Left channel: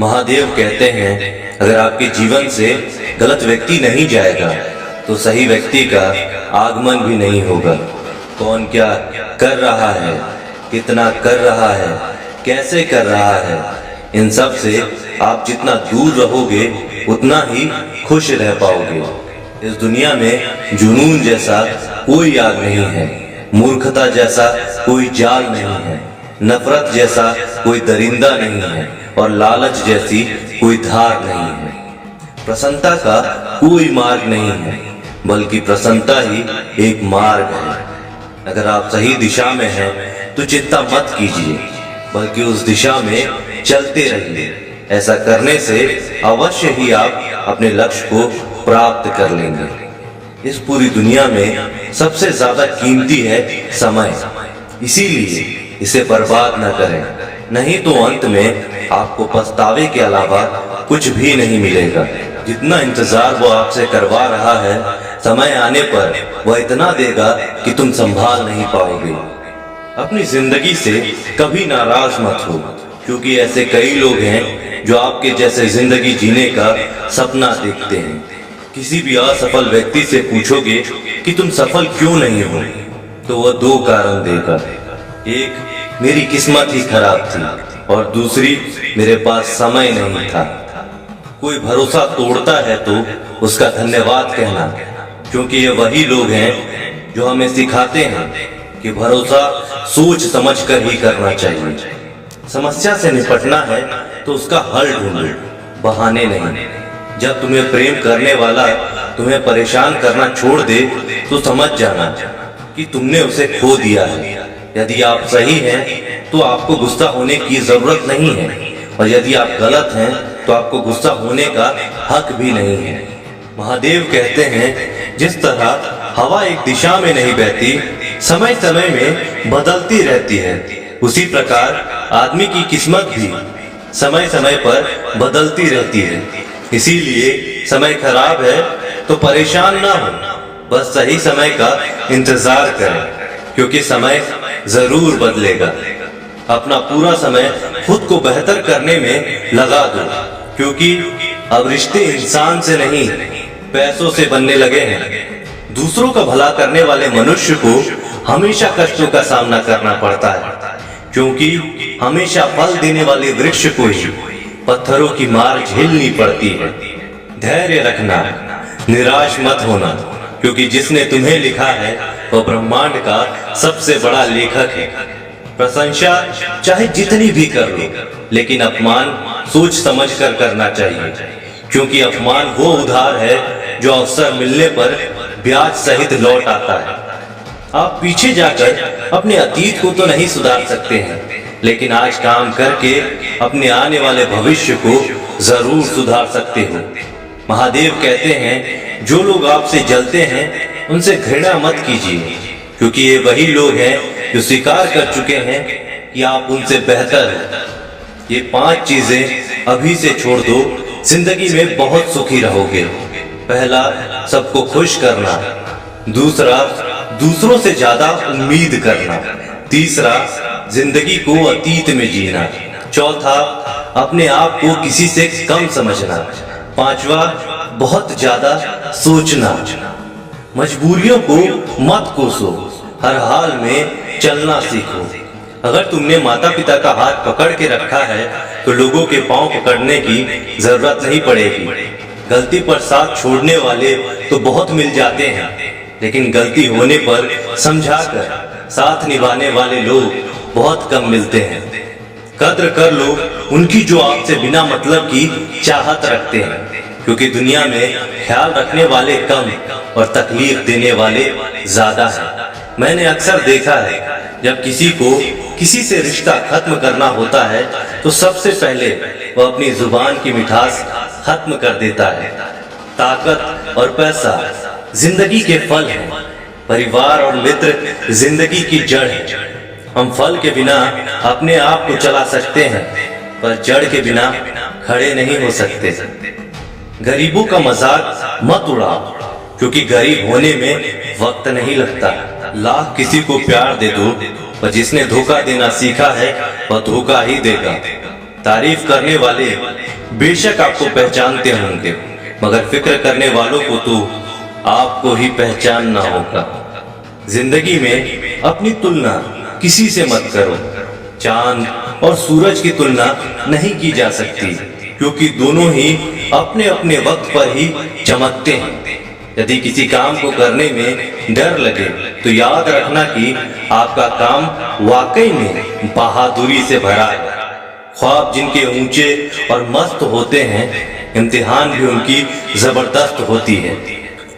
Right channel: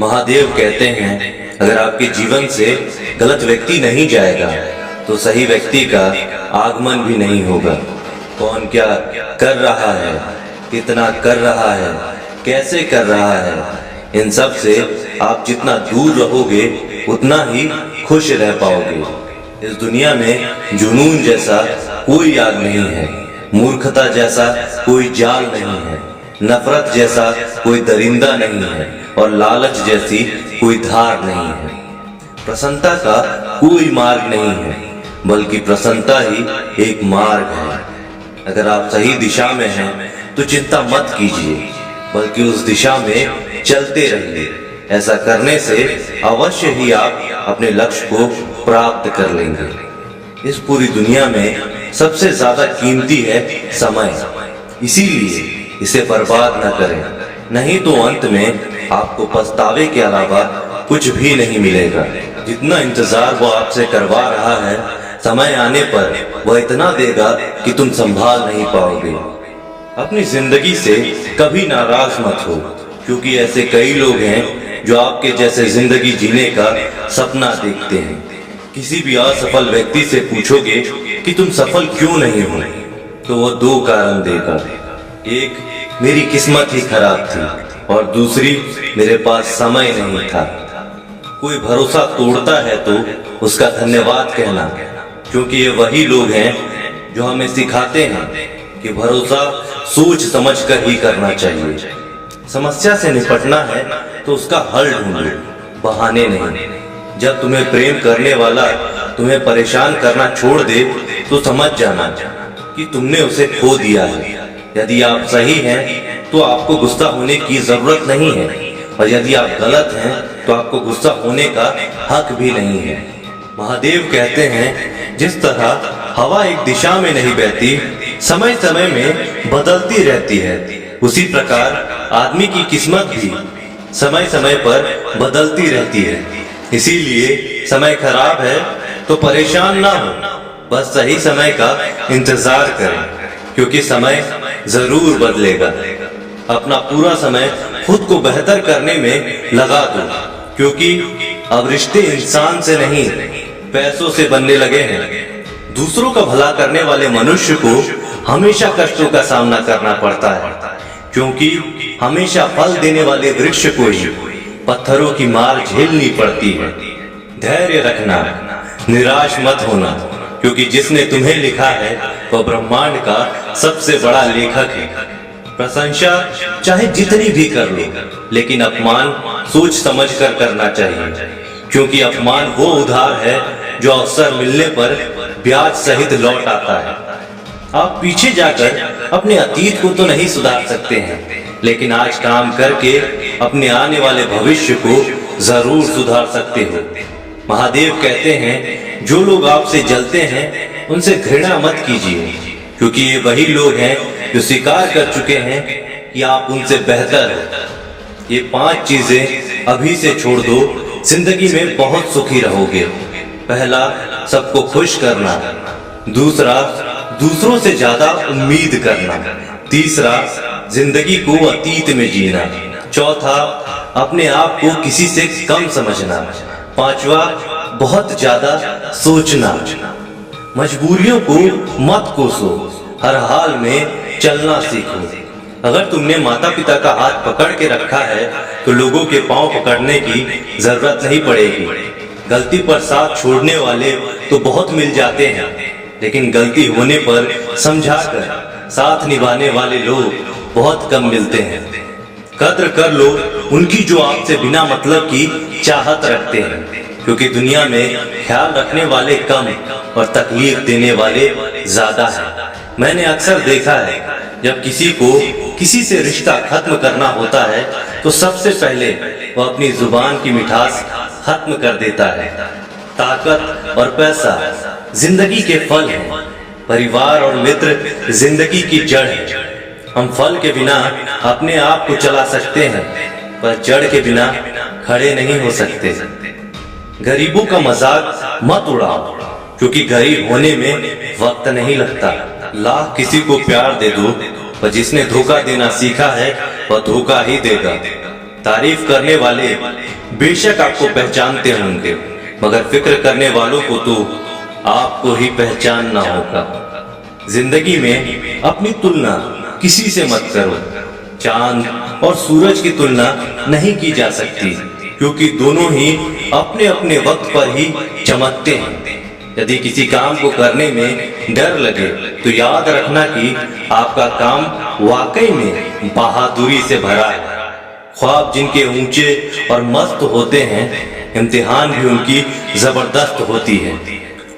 महादेव कहते हैं, अगर आपके जीवन से गलत व्यक्ति नहीं जाएगा तो सही व्यक्ति का आगमन भी नहीं होगा। कौन क्या कर रहा है, कितना कर रहा है, कैसे कर रहा है, इन सब से आप जितना दूर रहोगे उतना ही खुश रह पाओगे। इस दुनिया में जुनून जैसा कोई आग नहीं है, मूर्खता जैसा कोई जाल नहीं है, नफरत जैसा कोई दरिंदा नहीं है और लालच जैसी कोई धार नहीं है। प्रसन्नता का कोई मार्ग नहीं है, बल्कि प्रसन्नता ही एक मार्ग है। अगर आप सही दिशा में हैं तो चिंता मत कीजिए, बल्कि उस दिशा में चलते रहिए। ऐसा करने से अवश्य ही आप अपने लक्ष्य को प्राप्त कर लेंगे। इस पूरी दुनिया में सबसे ज्यादा कीमती है समय, इसीलिए इसे बर्बाद न करें, नहीं तो अंत में आपको पछतावे के अलावा कुछ भी नहीं मिलेगा। जितना इंतजार वो आपसे करवा रहा है, समय आने पर वह इतना देगा कि तुम संभाल नहीं पाओगे। अपनी जिंदगी से कभी नाराज मत हो, क्योंकि ऐसे कई लोग हैं जो आपके जैसे जिंदगी जीने का सपना देखते हैं। किसी भी असफल व्यक्ति से पूछोगे कि तुम सफल क्यों नहीं हो, तो वह दो कारण देगा। एक, मेरी किस्मत ही खराब थी, और दूसरी, मेरे पास समय नहीं था। कोई भरोसा तोड़ता है तो उसका धन्यवाद कहना, क्योंकि ये वही लोग हैं जो हमें सिखाते हैं कि भरोसा सोच समझ कर ही करना चाहिए। समस्या से निपटना है तो उसका हल ढूंढो, बहाने नहीं। जब तुम्हें प्रेम करने वाला तुम्हें परेशान करना छोड़ दे तो समझ जाना कि तुमने उसे खो दिया है। यदि आप सही हैं तो आपको गुस्सा होने की जरूरत नहीं है, और यदि आप गलत हैं तो आपको गुस्सा होने का हक भी नहीं है। महादेव कहते हैं, जिस तरह हवा एक दिशा में नहीं बहती, समय समय में बदलती रहती है, उसी प्रकार आदमी की किस्मत भी समय समय पर बदलती रहती है। इसीलिए समय खराब है तो परेशान ना हो, बस सही समय का इंतजार करें, क्योंकि समय जरूर बदलेगा। अपना पूरा समय खुद को बेहतर करने में लगा दो, क्योंकि अब रिश्ते इंसान से नहीं पैसों से बनने लगे हैं। दूसरों का भला करने वाले मनुष्य को हमेशा कष्टों का सामना करना पड़ता है, क्योंकि हमेशा फल देने वाले वृक्ष को ही पत्थरों की मार झेलनी पड़ती है। धैर्य रखना, निराश मत होना, क्योंकि जिसने तुम्हें लिखा है वह ब्रह्मांड का सबसे बड़ा लेखक है। प्रशंसा चाहे जितनी भी कर लो, लेकिन अपमान सोच समझ कर करना चाहिए, क्योंकि अपमान वो उधार है जो अवसर मिलने पर ब्याज सहित लौट आता है। आप पीछे जाकर अपने अतीत को तो नहीं सुधार सकते हैं, लेकिन आज काम करके अपने आने वाले भविष्य को जरूर सुधार सकते हो। महादेव कहते हैं, जो लोग आपसे जलते हैं उनसे घृणा मत कीजिए, क्योंकि ये वही लोग हैं जो स्वीकार कर चुके हैं कि आप उनसे बेहतर हो। ये 5 चीजें अभी से छोड़ दो, जिंदगी में बहुत सुखी रहोगे। पहला, सबको खुश करना। दूसरा, दूसरों से ज्यादा उम्मीद करना। तीसरा, जिंदगी को अतीत में जीना। चौथा, अपने आप को किसी से कम समझना। पांचवा, बहुत ज्यादा सोचना। मजबूरियों को मत कोसो, हर हाल में चलना सीखो। अगर तुमने माता पिता का हाथ पकड़ के रखा है तो लोगों के पांव पकड़ने की जरूरत नहीं पड़ेगी। गलती पर साथ छोड़ने वाले तो बहुत मिल जाते हैं, लेकिन गलती होने पर समझाकर साथ निभाने वाले लोग बहुत कम मिलते हैं। कद्र कर लो उनकी जो आपसे बिना मतलब की चाहत रखते हैं, क्योंकि दुनिया में ख्याल रखने वाले कम और तकलीफ देने वाले ज्यादा हैं। मैंने अक्सर देखा है, जब किसी को किसी से रिश्ता खत्म करना होता है तो सबसे पहले वह अपनी जुबान की मिठास खत्म कर देता है। ताकत और पैसा जिंदगी के फल हैं, परिवार और मित्र जिंदगी की जड़ है। हम फल के बिना अपने आप को चला सकते हैं, पर जड़ के बिना खड़े नहीं हो सकते। गरीबों का मजाक मत उड़ाओ, क्योंकि गरीब होने में वक्त नहीं लगता। लाख किसी को प्यार दे दो, पर जिसने धोखा देना सीखा है वह धोखा ही देगा। तारीफ करने वाले बेशक आपको पहचानते होंगे, मगर फिक्र करने वालों को तो आपको ही पहचानना होगा। जिंदगी में अपनी तुलना किसी से मत करो। चांद और सूरज की तुलना नहीं की जा सकती, क्योंकि दोनों ही अपने अपने वक्त पर ही चमकते हैं। यदि किसी काम को करने में डर लगे तो याद रखना कि आपका काम वाकई में बहादुरी से भरा है। ख्वाब जिनके ऊंचे और मस्त होते हैं, इम्तिहान भी उनकी जबरदस्त होती है।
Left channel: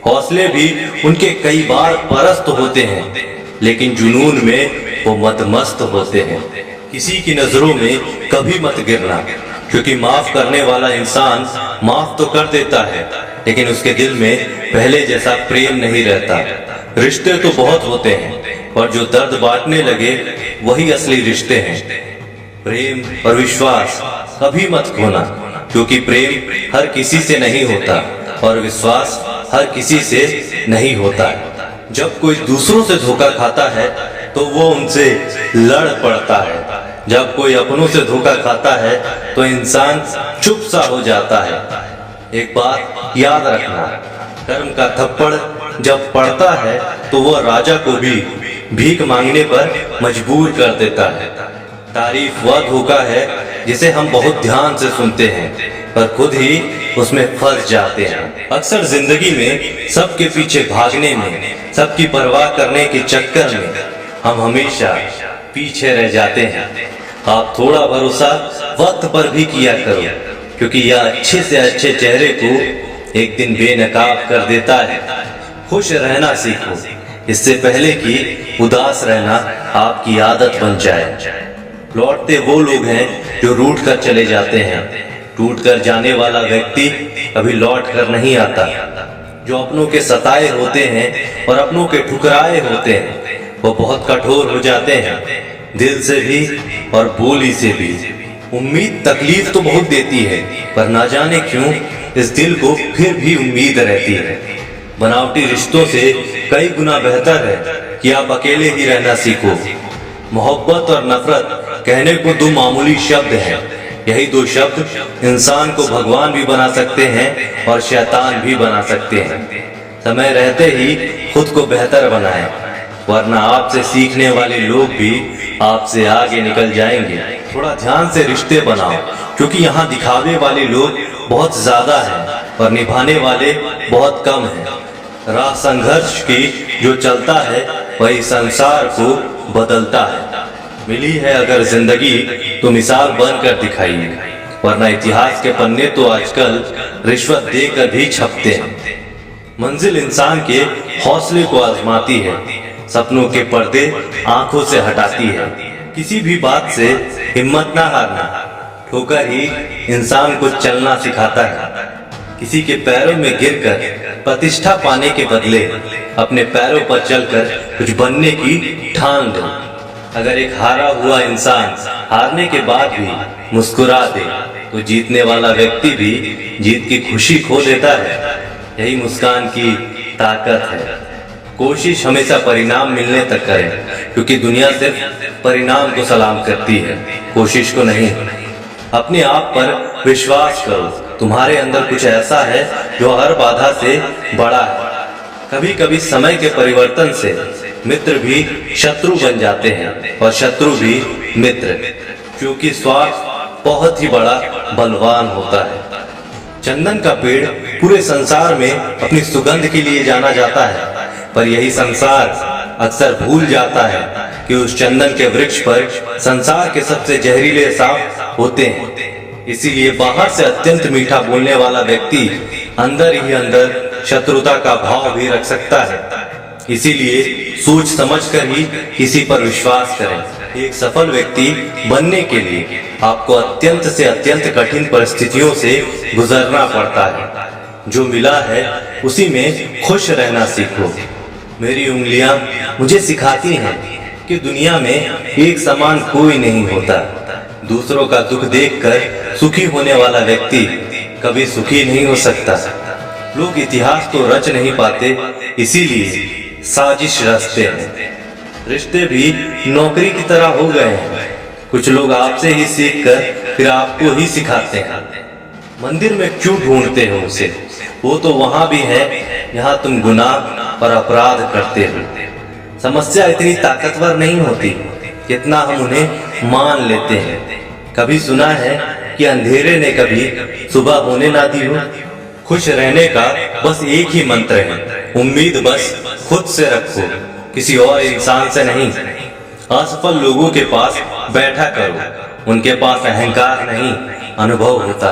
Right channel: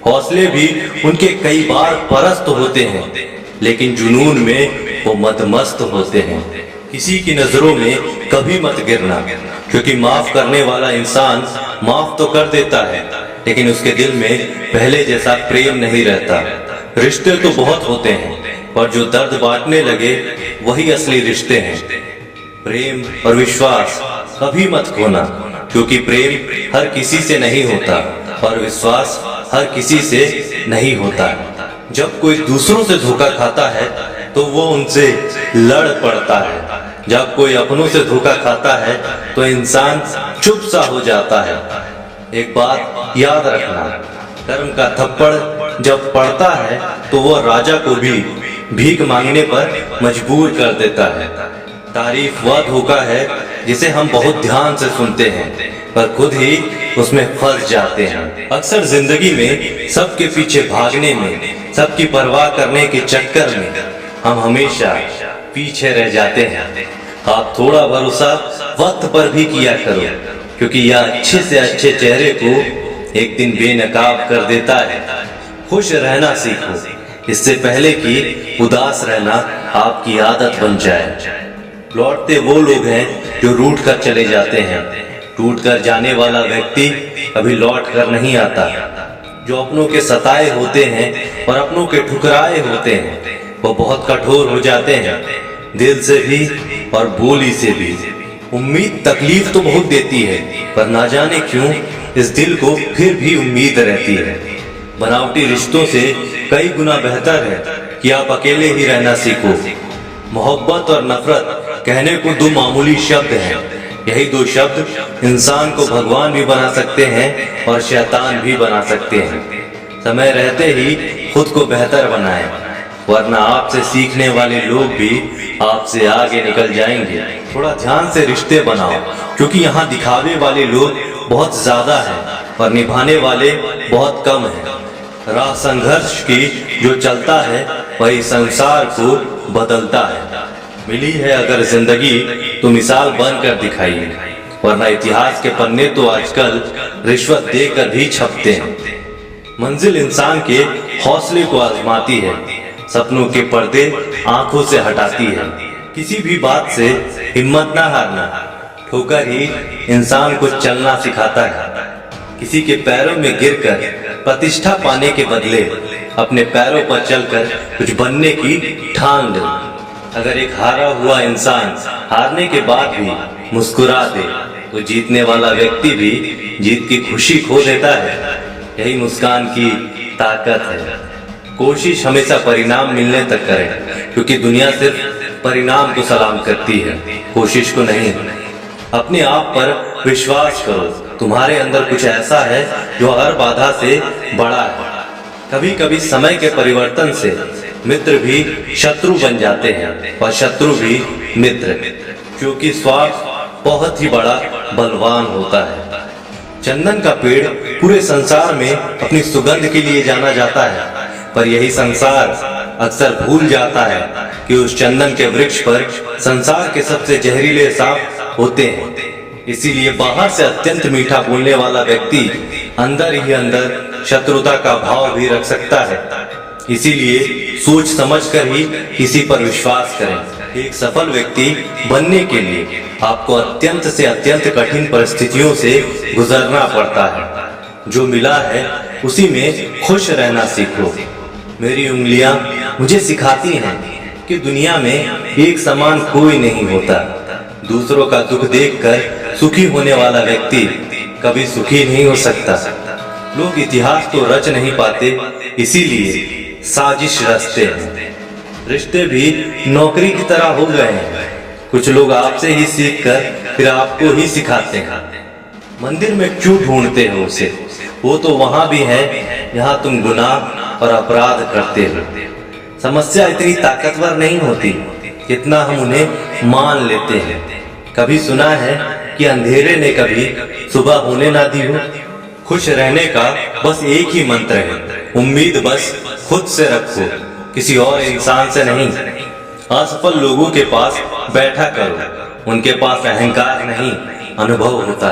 हौसले भी उनके कई बार परस्त होते हैं, लेकिन जुनून में वो मदमस्त होते हैं। किसी की नजरों में कभी मत गिरना, क्योंकि माफ करने वाला इंसान माफ तो कर देता है, लेकिन उसके दिल में पहले जैसा प्रेम नहीं रहता। रिश्ते तो बहुत होते हैं, पर जो दर्द बांटने लगे वही असली रिश्ते हैं। प्रेम और विश्वास कभी मत खोना, क्योंकि प्रेम हर किसी से नहीं होता और विश्वास हर किसी से नहीं होता है। जब कोई दूसरों से धोखा खाता है तो वो उनसे लड़ पड़ता है। जब कोई अपनों से धोखा खाता है तो इंसान चुप सा हो जाता है। एक बात याद रखना, कर्म का थप्पड़ जब पड़ता है तो वो राजा को भी भीख मांगने पर मजबूर कर देता है। तारीफ वह धोखा है जिसे हम बहुत ध्यान से सुनते हैं, पर खुद ही उसमें फंस जाते हैं। अक्सर जिंदगी में सबके पीछे भागने में, सबकी परवाह करने के चक्कर में हम हमेशा पीछे रह जाते हैं। आप थोड़ा भरोसा वक्त पर भी किया करो, क्योंकि यह अच्छे से अच्छे चेहरे को एक दिन बेनकाब कर देता है। खुश रहना सीखो, इससे पहले कि उदास रहना आपकी आदत बन जाए। लौटते वो लोग हैं जो रूठ कर चले जाते हैं। टूट कर जाने वाला व्यक्ति कभी लौट कर नहीं आता। जो अपनों के सताए होते हैं और अपनों के ठुकराए होते हैं, वो बहुत कठोर हो जाते हैं, दिल से भी और बोली से भी। उम्मीद तकलीफ तो बहुत देती है, पर ना जाने क्यों इस दिल को फिर भी उम्मीद रहती है। बनावटी रिश्तों से कई गुना बेहतर है कि आप अकेले ही रहना सीखो। मोहब्बत और नफरत कहने को दो मामूली शब्द हैं। यही दो शब्द इंसान को भगवान भी बना सकते हैं और शैतान भी बना सकते हैं। समय रहते ही खुद को बेहतर बनाएं, वरना आपसे सीखने वाले लोग भी आपसे आगे निकल जाएंगे। थोड़ा ध्यान से रिश्ते बनाओ, क्योंकि यहाँ दिखावे वाले लोग बहुत ज्यादा हैं और निभाने वाले बहुत कम हैं। राह संघर्ष की जो चलता है वही संसार को बदलता है। मिली है अगर जिंदगी तो मिसाल बनकर दिखाइए, वरना इतिहास के पन्ने तो आजकल रिश्वत देकर भी छपते हैं। मंजिल इंसान के हौसले को आजमाती है, सपनों के पर्दे आंखों से हटाती है। किसी भी बात से हिम्मत ना हारना, ठोकर ही इंसान को चलना सिखाता है। किसी के पैरों में गिरकर प्रतिष्ठा पाने के बदले अपने पैरों पर चलकर कुछ बनने की ठान लो। अगर एक हारा हुआ इंसान हारने के बाद भी मुस्कुरा दे, तो जीतने वाला व्यक्ति भी जीत की खुशी खो देता है। यही मुस्कान की ताकत है। कोशिश हमेशा परिणाम मिलने तक करें, क्योंकि दुनिया सिर्फ परिणाम को सलाम करती है, कोशिश को नहीं। अपने आप पर विश्वास करो, तुम्हारे अंदर कुछ ऐसा है जो हर बाधा से बड़ा है। कभी कभी समय के परिवर्तन से मित्र भी शत्रु बन जाते हैं और शत्रु भी मित्र, क्योंकि स्वार्थ बहुत ही बड़ा बलवान होता है। चंदन का पेड़ पूरे संसार में अपनी सुगंध के लिए जाना जाता है, पर यही संसार अक्सर भूल जाता है कि उस चंदन के वृक्ष पर संसार के सबसे जहरीले सांप होते हैं। इसीलिए बाहर से अत्यंत मीठा बोलने वाला व्यक्ति अंदर ही अंदर शत्रुता का भाव भी रख सकता है। इसीलिए सोच समझकर ही किसी पर विश्वास करें। एक सफल व्यक्ति बनने के लिए आपको अत्यंत से अत्यंत कठिन परिस्थितियों से गुजरना पड़ता है। जो मिला है उसी में खुश रहना सीखो। मेरी उंगलियां मुझे सिखाती हैं कि दुनिया में एक समान कोई नहीं होता। दूसरों का दुख देखकर सुखी होने वाला व्यक्ति कभी सुखी नहीं हो सकता। लोग इतिहास तो रच नहीं पाते, इसीलिए साजिश रचते हैं। रिश्ते भी नौकरी की तरह हो गए हैं। कुछ लोग आपसे ही सीखकर फिर आपको ही सिखाते हैं। मंदिर में क्यों ढूंढते हो उसे, वो तो वहां भी है जहां तुम गुनाह और अपराध करते हो। समस्या इतनी ताकतवर नहीं होती कितना हम उन्हें मान लेते हैं। कभी सुना है कि अंधेरे ने कभी सुबह होने ना दी हो। खुश रहने का बस एक ही मंत्र है, उम्मीद बस खुद से रखो, किसी और इंसान से नहीं। असफल लोगों के पास बैठा करो, उनके पास अहंकार नहीं, अनुभव होता है।